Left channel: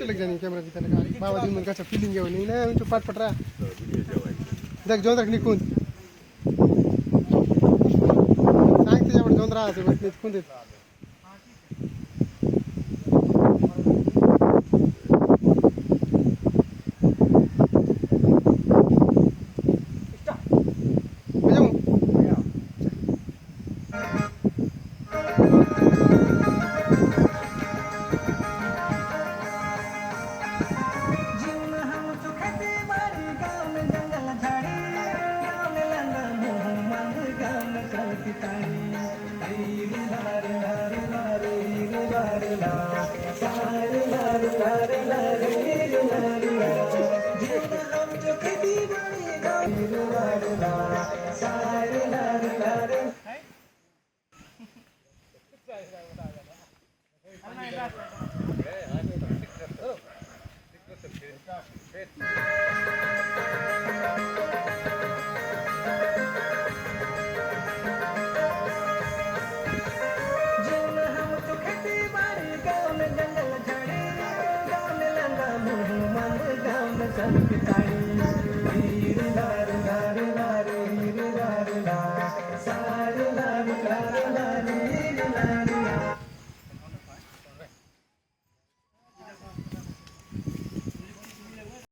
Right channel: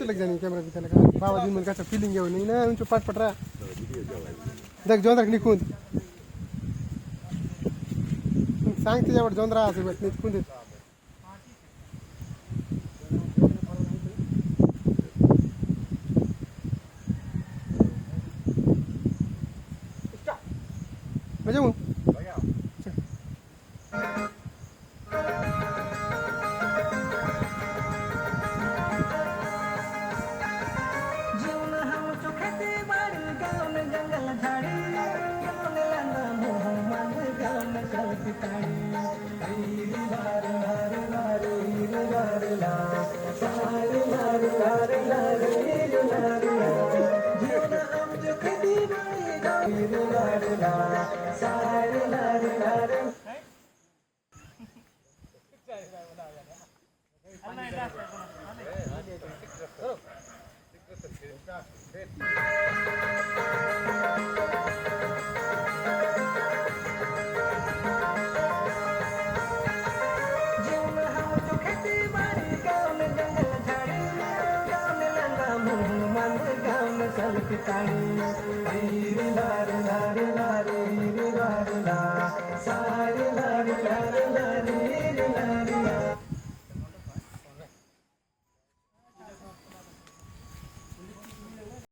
चलक जाने कैमरा भी लगा बाबा दिन का फीलिंग है नहीं ना उनके पाट पट रहा देख जोंद्रा निकून सांगते जेवढ जोंद्रा असे बस निकून देत Kita